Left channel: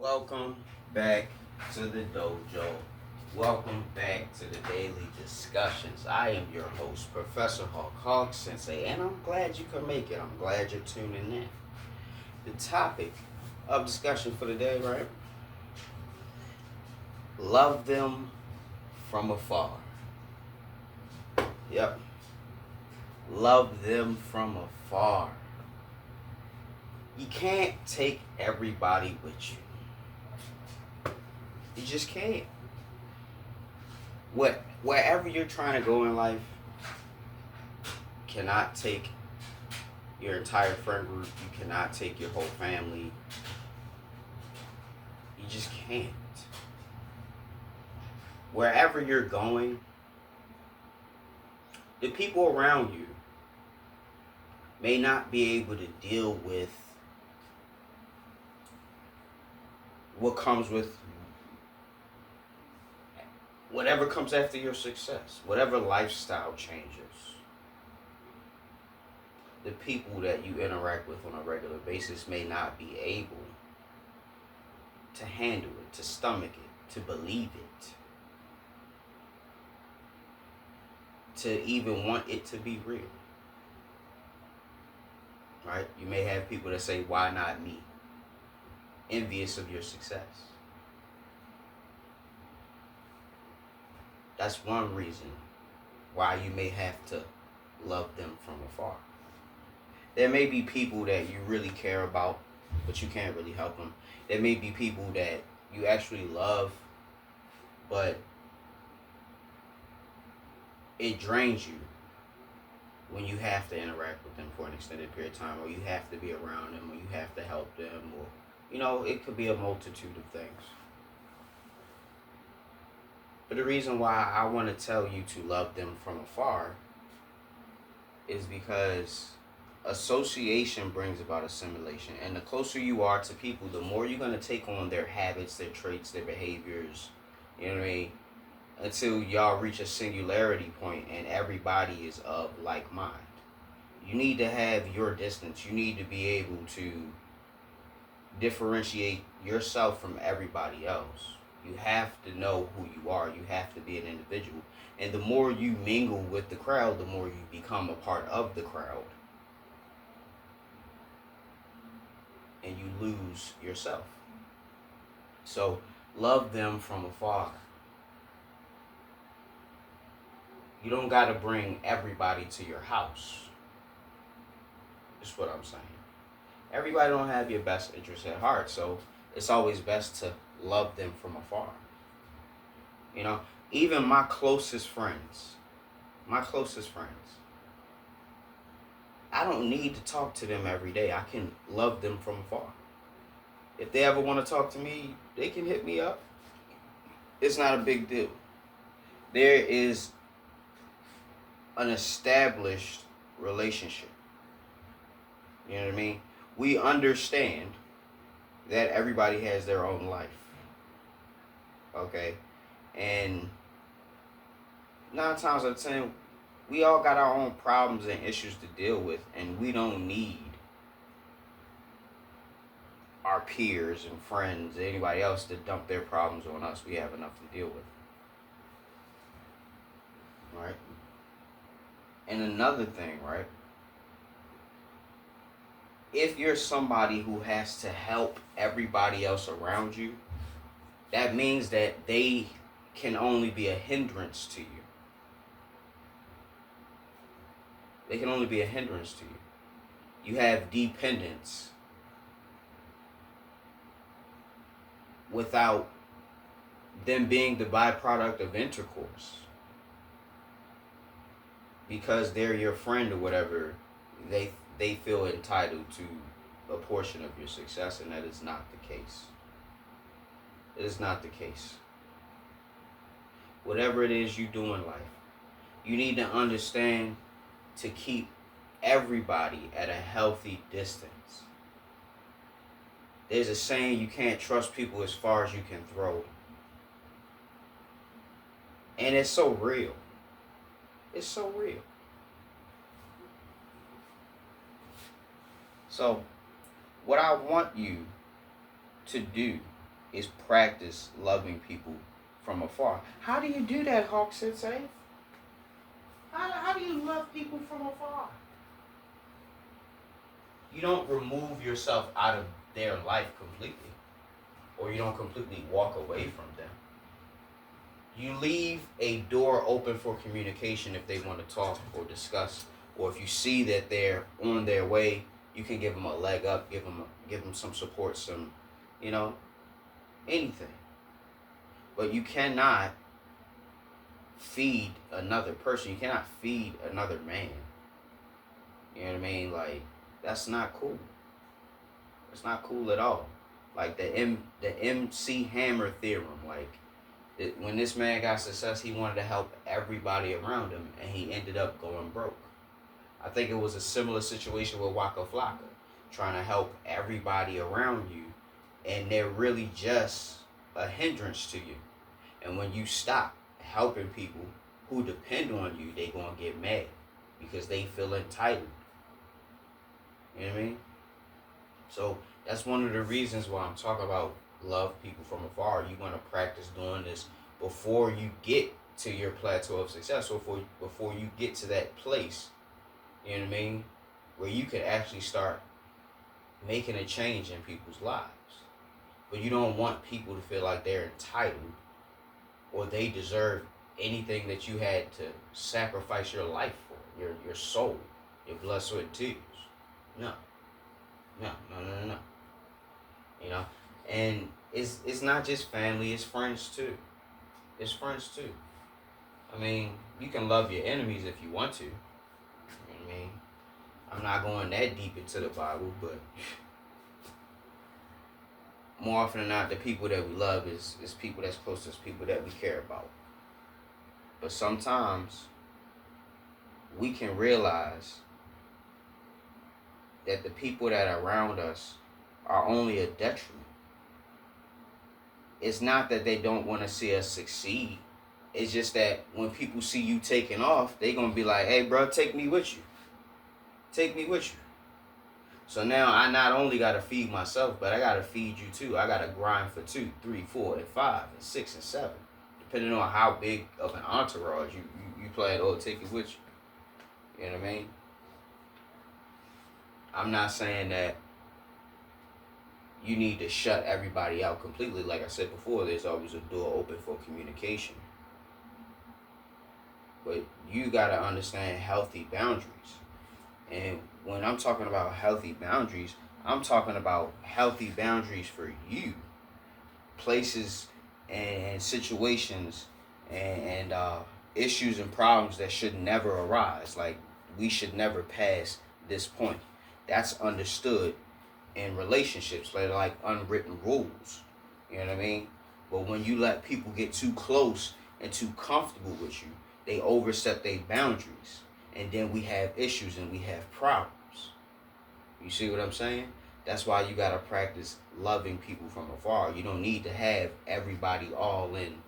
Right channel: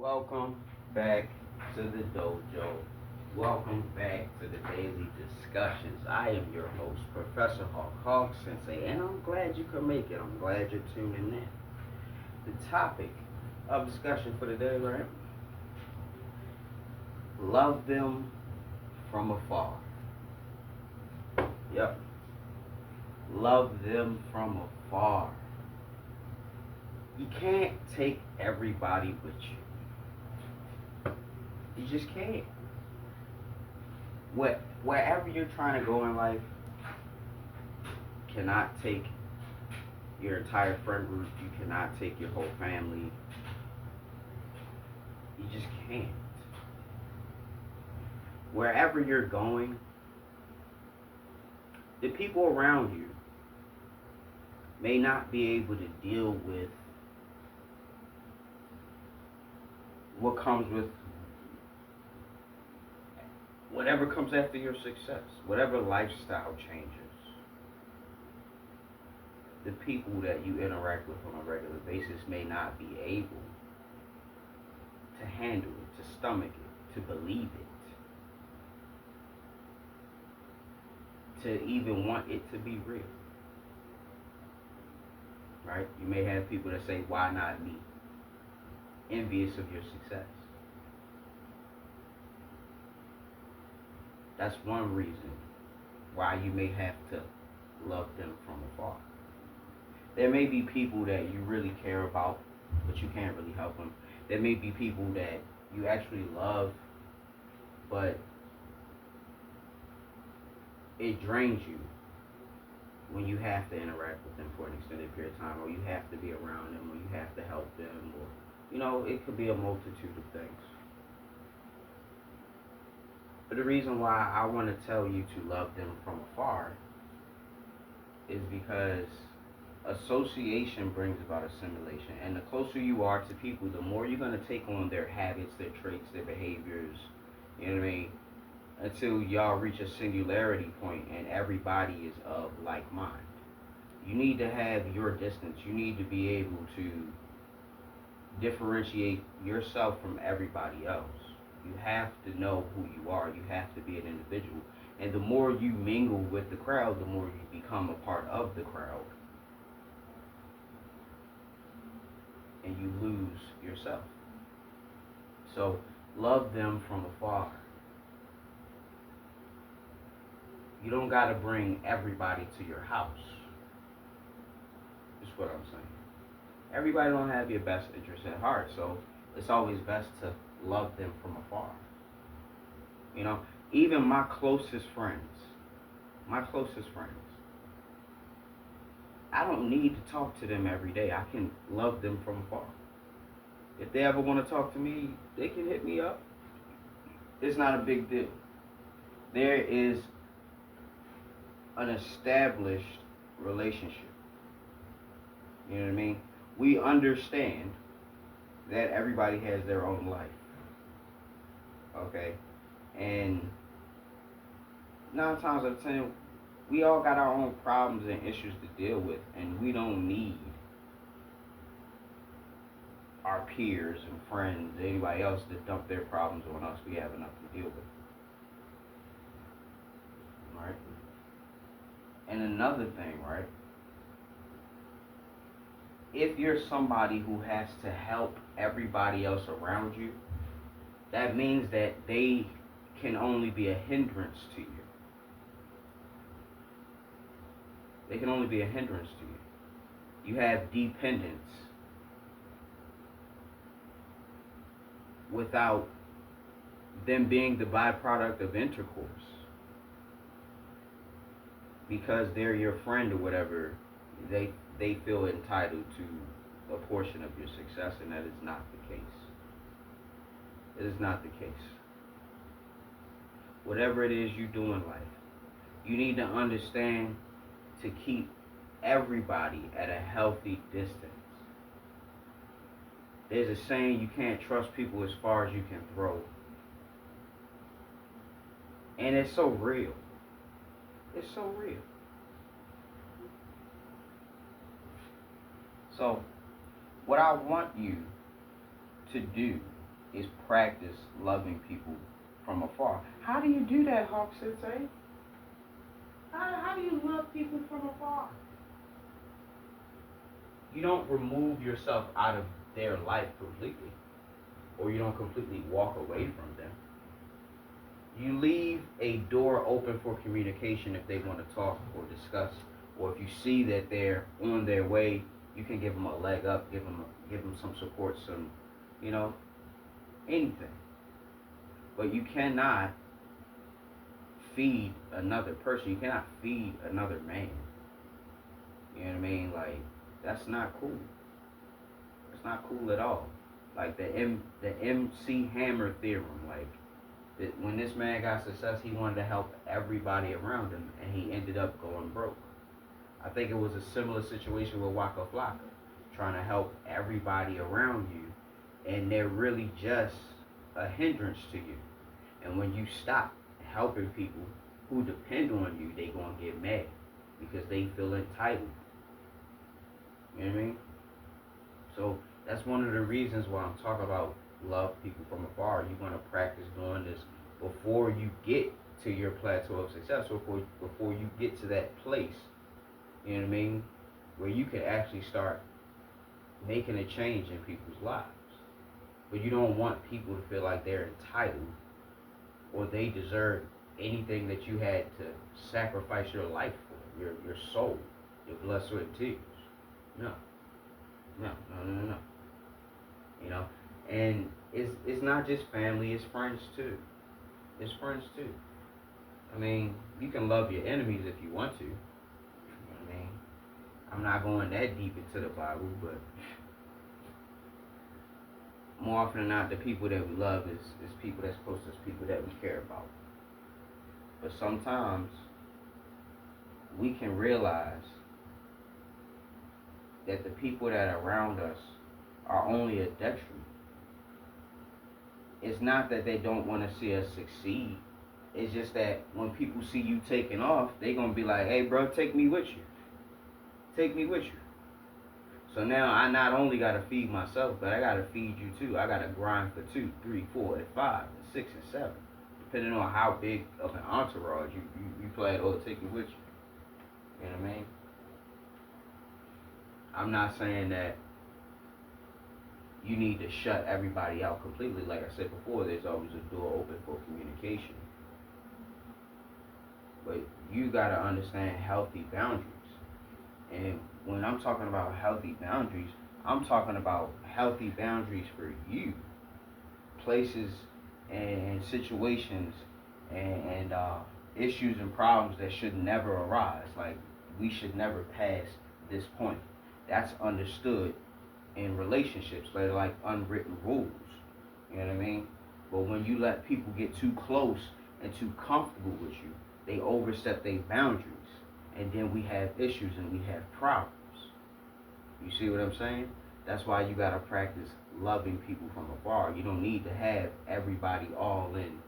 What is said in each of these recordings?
Welcome back to the dojo. Welcome back to the daily discussions. I am your host, Professor Hawk Sensei, and I'm glad you could make it. I'm glad you're tuning in. The topic of discussion for the day, right? Love them from afar. Yep. Love them from afar. You can't take everybody with you. You just can't. Wherever you're trying to go in life, cannot take your entire friend group. You cannot take your whole family. You just can't. Wherever you're going, the people around you may not be able to deal with what comes with whatever comes after your success, whatever lifestyle changes. The people that you interact with on a regular basis may not be able to handle it, to stomach it, to believe it, to even want it to be real. Right? You may have people that say, why not me? Envious of your success. That's one reason why you may have to love them from afar. There may be people that you really care about, but you can't really help them. There may be people that you actually love, but it drains you when you have to interact with them for an extended period of time, or you have to be around them, or you have to help them, or, it could be a multitude of things. But the reason why I want to tell you to love them from afar is because association brings about assimilation. And the closer you are to people, the more you're going to take on their habits, their traits, their behaviors, you know what I mean? Until y'all reach a singularity point and everybody is of like mind. You need to have your distance. You need to be able to differentiate yourself from everybody else. You have to know who you are. You have to be an individual. And the more you mingle with the crowd, the more you become a part of the crowd. And you lose yourself. So love them from afar. You don't got to bring everybody to your house. That's what I'm saying. Everybody don't have your best interest at heart, so it's always best to love them from afar. Even my closest friends, I don't need to talk to them every day. I can love them from afar. If they ever want to talk to me, they can hit me up. It's not a big deal. There is an established relationship. You know what I mean? We understand that everybody has their own life. Okay? And 9 times out of 10, we all got our own problems and issues to deal with, and we don't need our peers and friends, anybody else to dump their problems on us. We have enough to deal with. Right? And another thing, right? If you're somebody who has to help everybody else around you, that means that they can only be a hindrance to you. They can only be a hindrance to you. You have dependence without them being the byproduct of intercourse. Because they're your friend or whatever, they feel entitled to a portion of your success, and that is not the case. It is not the case. Whatever it is you do in life, you need to understand to keep everybody at a healthy distance. There's a saying, you can't trust people as far as you can throw. And it's so real. It's so real. So, what I want you to do is practice loving people from afar. How do you do that, Hawk Sensei? How do you love people from afar? You don't remove yourself out of their life completely, or you don't completely walk away from them. You leave a door open for communication if they want to talk or discuss, or if you see that they're on their way, you can give them a leg up, give them some support, some, you know, anything. But you cannot feed another person. You cannot feed another man. You know what I mean? Like, that's not cool. It's not cool at all. Like the MC Hammer theorem. Like, when this man got success, he wanted to help everybody around him, and he ended up going broke. I think it was a similar situation with Waka Flocka, trying to help everybody around you, and they're really just a hindrance to you. And when you stop helping people who depend on you, they gonna get mad because they feel entitled. You know what I mean? So that's one of the reasons why I'm talking about love people from afar. You want to practice doing this before you get to your plateau of success, or before you get to that place, you know what I mean, where you can actually start making a change in people's lives. But you don't want people to feel like they're entitled or they deserve anything that you had to sacrifice your life for, your soul, your blood, sweat, and tears. No. You know, and it's not just family, it's friends too. It's friends too. I mean, you can love your enemies if you want to. You know what I mean? I'm not going that deep into the Bible, but more often than not, the people that we love is people that's close to us, people that we care about. But sometimes we can realize that the people that are around us are only a detriment. It's not that they don't want to see us succeed. It's just that when people see you taking off, they're going to be like, hey, bro, take me with you. Take me with you. So now I not only got to feed myself, but I got to feed you too. I got to grind for 2, 3, 4, and 5, and 6, and 7. Depending on how big of an entourage you plan or take it with you. You know what I mean? I'm not saying that you need to shut everybody out completely. Like I said before, there's always a door open for communication. But you got to understand healthy boundaries. And when I'm talking about healthy boundaries, I'm talking about healthy boundaries for you. Places and situations and issues and problems that should never arise. Like, we should never pass this point. That's understood in relationships. They're like unwritten rules. You know what I mean? But when you let people get too close and too comfortable with you, they overstep their boundaries. And then we have issues and we have problems. You see what I'm saying? That's why you got to practice loving people from afar. You don't need to have everybody all in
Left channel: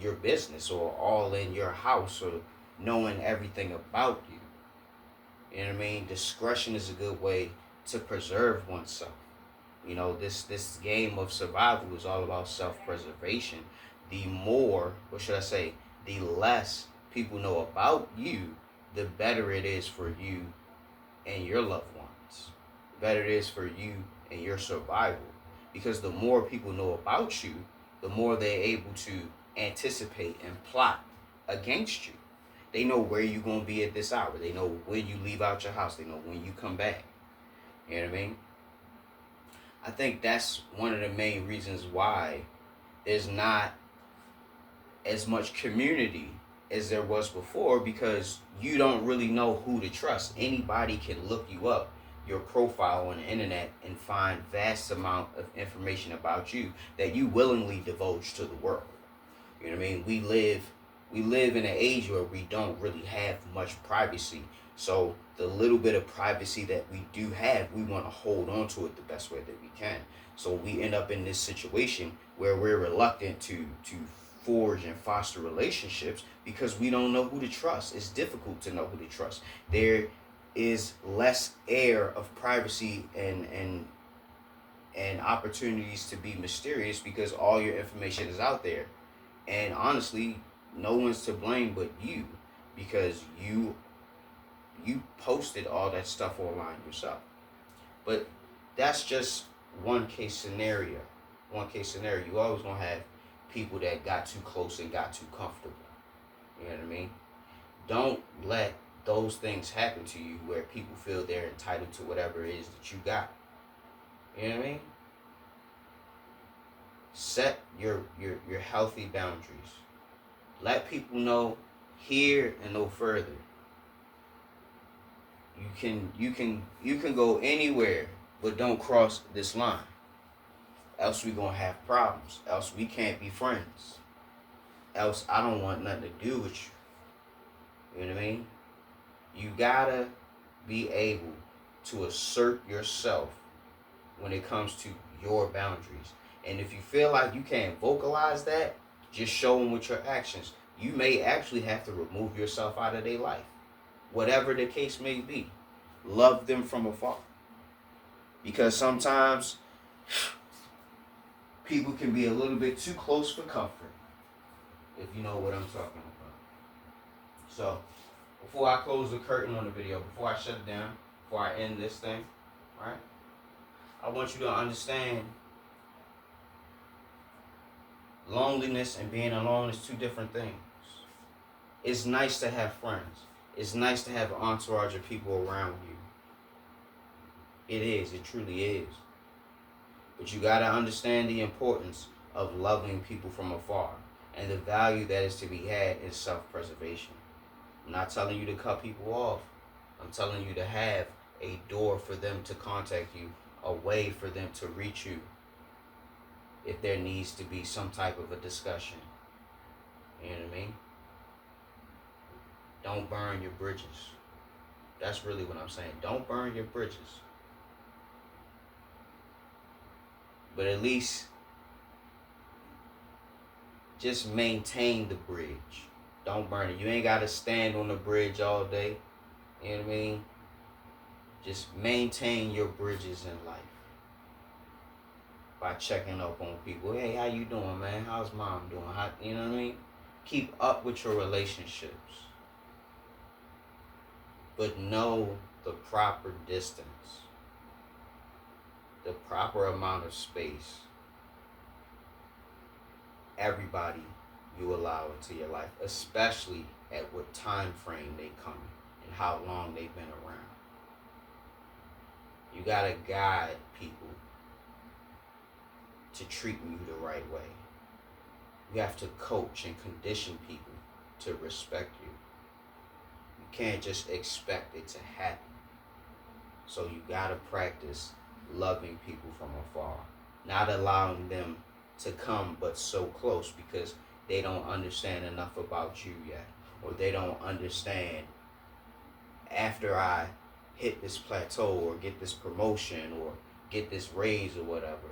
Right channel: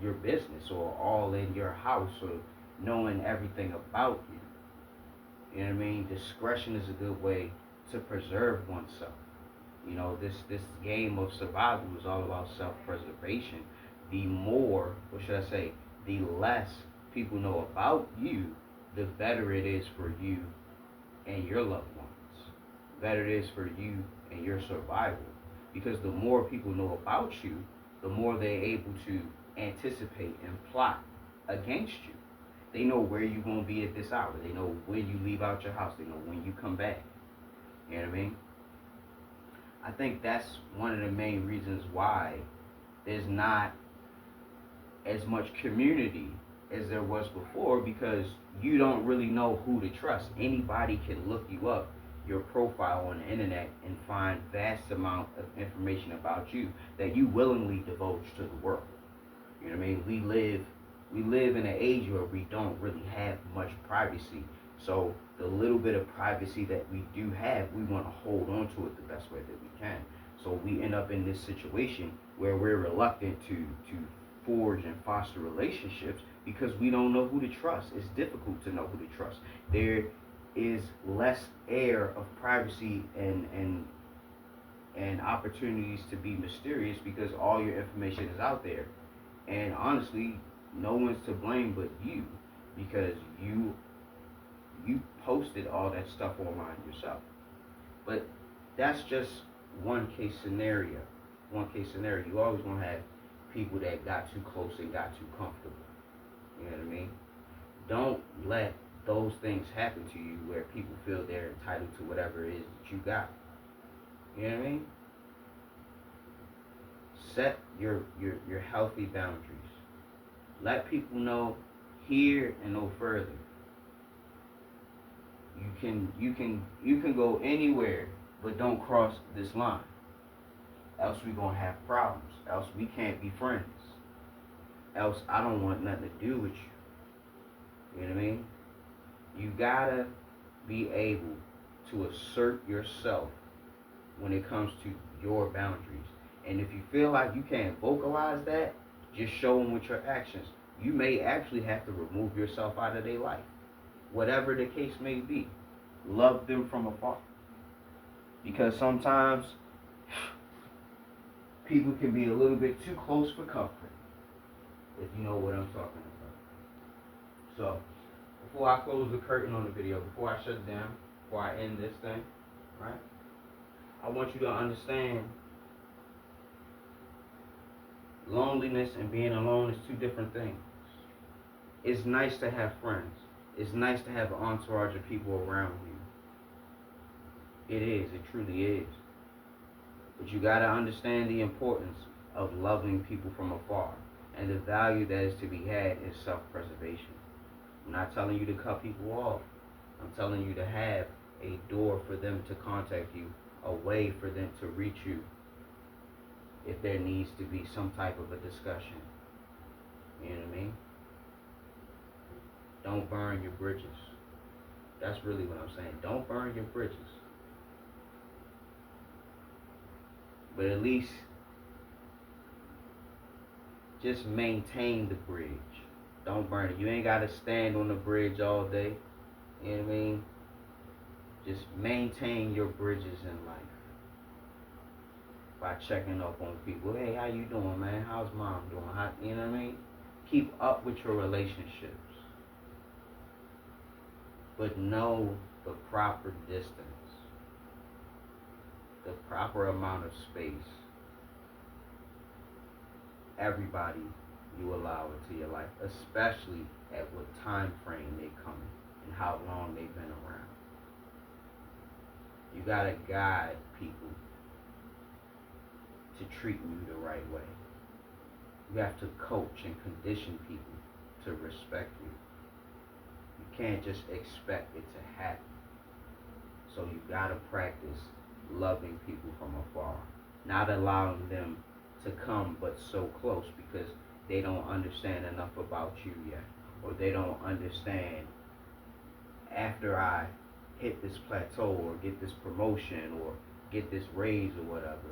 your business or all in your house or knowing everything about you. You know what I mean? Discretion is a good way to preserve oneself. You know, this game of survival is all about self-preservation. The more, or should I say, the less people know about you, the better it is for you and your loved ones. The better it is for you and your survival. Because the more people know about you, the more they're able to anticipate and plot against you. They know where you're going to be at this hour. They know when you leave out your house. They know when you come back. You know what I mean? I think that's one of the main reasons why there's not as much community as there was before, because you don't really know who to trust. Anybody can look you up, your profile on the internet, and find vast amount of information about you that you willingly divulge to the world. You know what I mean? We live in an age where we don't really have much privacy. So the little bit of privacy that we do have, we want to hold on to it the best way that we can. So we end up in this situation where we're reluctant to forge and foster relationships because we don't know who to trust. It's difficult to know who to trust. There is less air of privacy and and opportunities to be mysterious because all your information is out there. And honestly, no one's to blame but you, because you posted all that stuff online yourself. But that's just one case scenario. One case scenario. You always gonna have people that got too close and got too comfortable. You know what I mean? Don't let those things happen to you where people feel they're entitled to whatever it is that you got. You know what I mean? Set your healthy boundaries. Let people know here and no further. You can go anywhere, but don't cross this line. Else we gonna have problems. Else we can't be friends. Else I don't want nothing to do with you. You know what I mean? You gotta be able to assert yourself when it comes to your boundaries. And if you feel like you can't vocalize that, just show them with your actions. You may actually have to remove yourself out of their life. Whatever the case may be. Love them from afar. Because sometimes people can be a little bit too close for comfort. If you know what I'm talking about. So, before I close the curtain on the video, before I shut it down, before I end this thing, right? I want you to understand loneliness and being alone is two different things. It's nice to have friends. It's nice to have an entourage of people around you. It is. It truly is. But you got to understand the importance of loving people from afar and the value that is to be had in self-preservation. I'm not telling you to cut people off. I'm telling you to have a door for them to contact you, a way for them to reach you if there needs to be some type of a discussion. You know what I mean? Don't burn your bridges. That's really what I'm saying. Don't burn your bridges. But at least just maintain the bridge. Don't burn it. You ain't got to stand on the bridge all day. You know what I mean? Just maintain your bridges in life by checking up on people. Hey, how you doing, man? How's mom doing? You know what I mean? Keep up with your relationships. But know the proper distance. The proper amount of space. Everybody you allow into your life, especially at what time frame they come and how long they've been around. You gotta guide people to treat you the right way. You have to coach and condition people to respect you. You can't just expect it to happen. So you gotta practice loving people from afar, not allowing them to come but so close because they don't understand enough about you yet, or they don't understand after I hit this plateau or get this promotion or get this raise or whatever,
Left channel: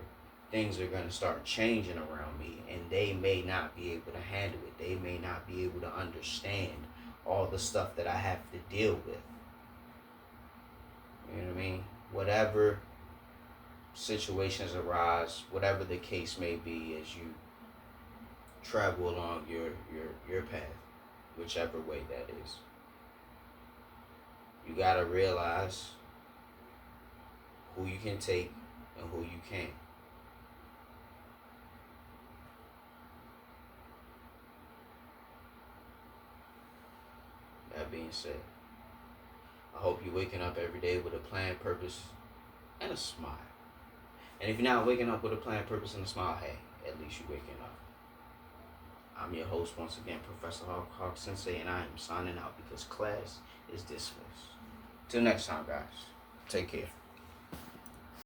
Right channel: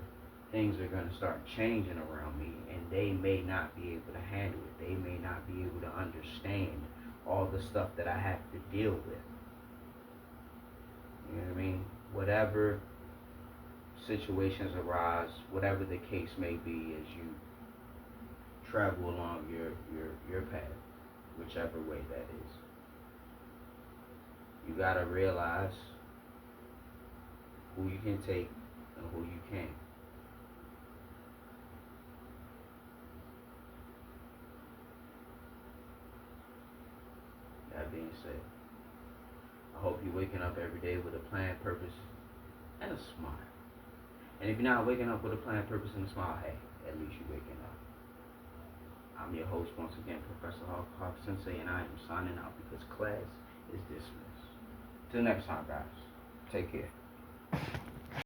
things are going to start changing around me and they may not be able to handle it. They may not be able to understand all the stuff that I have to deal with. You know what I mean? Whatever situations arise, whatever the case may be, as you travel along your path, whichever way that is. You gotta realize who you can take and who you can't. That being said, I hope you're waking up every day with a plan, purpose, and a smile. And if you're not waking up with a plan, purpose, and a smile, hey, at least you're waking up. I'm your host once again, Professor Hawk Sensei, and I am signing out because class is dismissed. Till next time, guys. Take care.